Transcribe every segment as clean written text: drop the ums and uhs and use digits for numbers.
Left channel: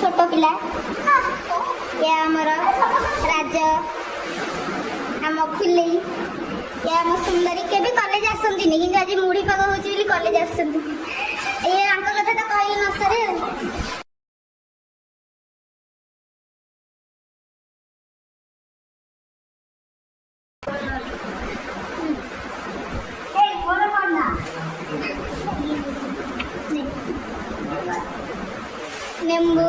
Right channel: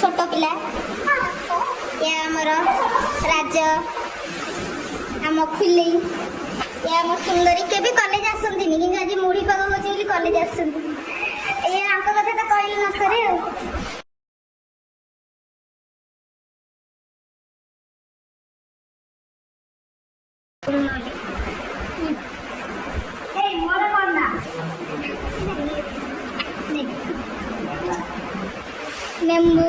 छोट पिला या आमर राज आम फुले या आम सुंदरी के कॉलेज आसती कि आज मुड़ी पाग हो कॉलेज आसती कथा तो कह न सरे नींबू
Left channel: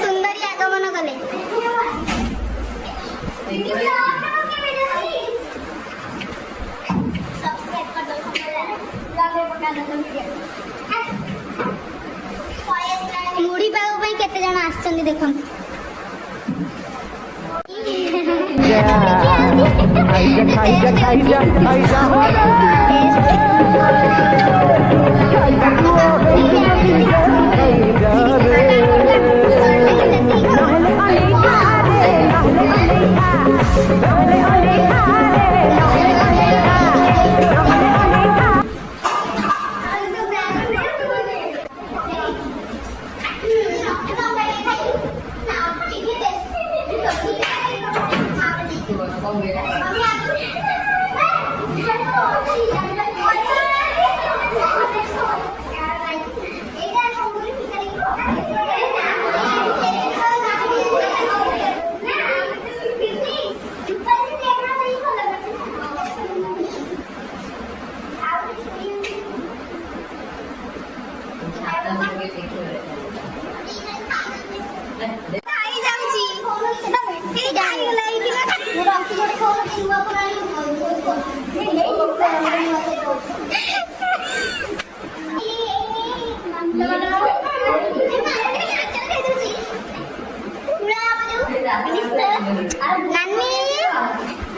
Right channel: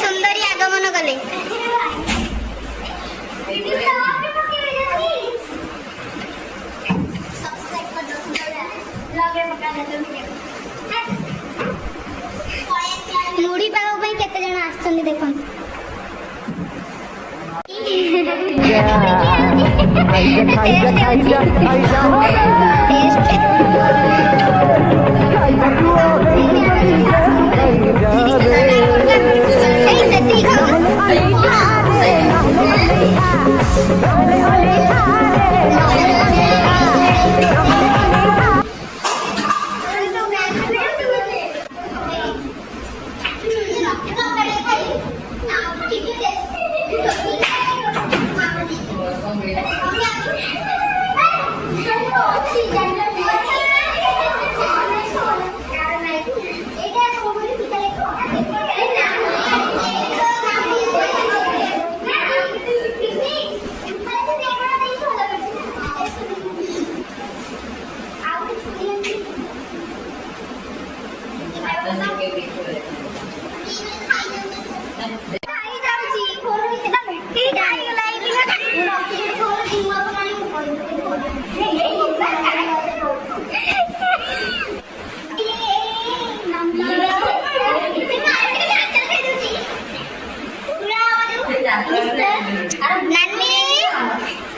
सुंदरी आगमन कले मुड़ी पाग केते जण आछन देखन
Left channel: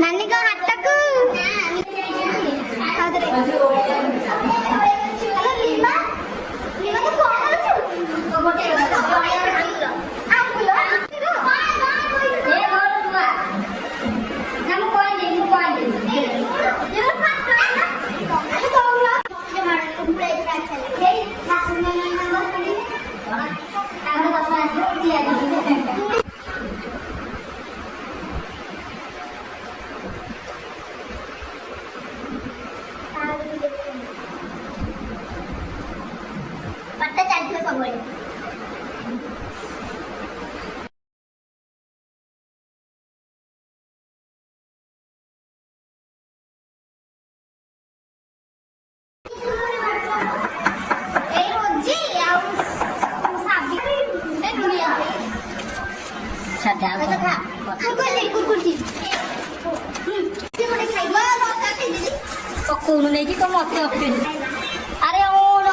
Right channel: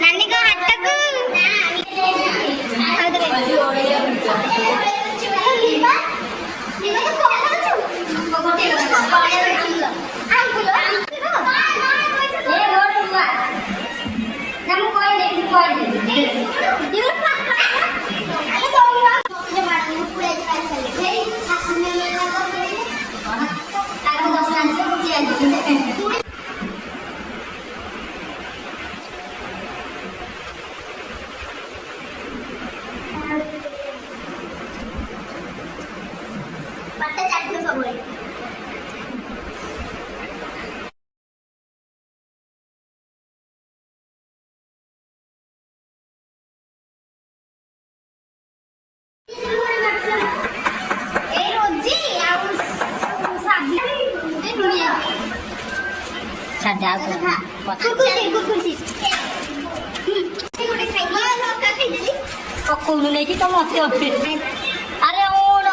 नानी को हाथ पकौनु नहीं कि तो मत अरे ओ ना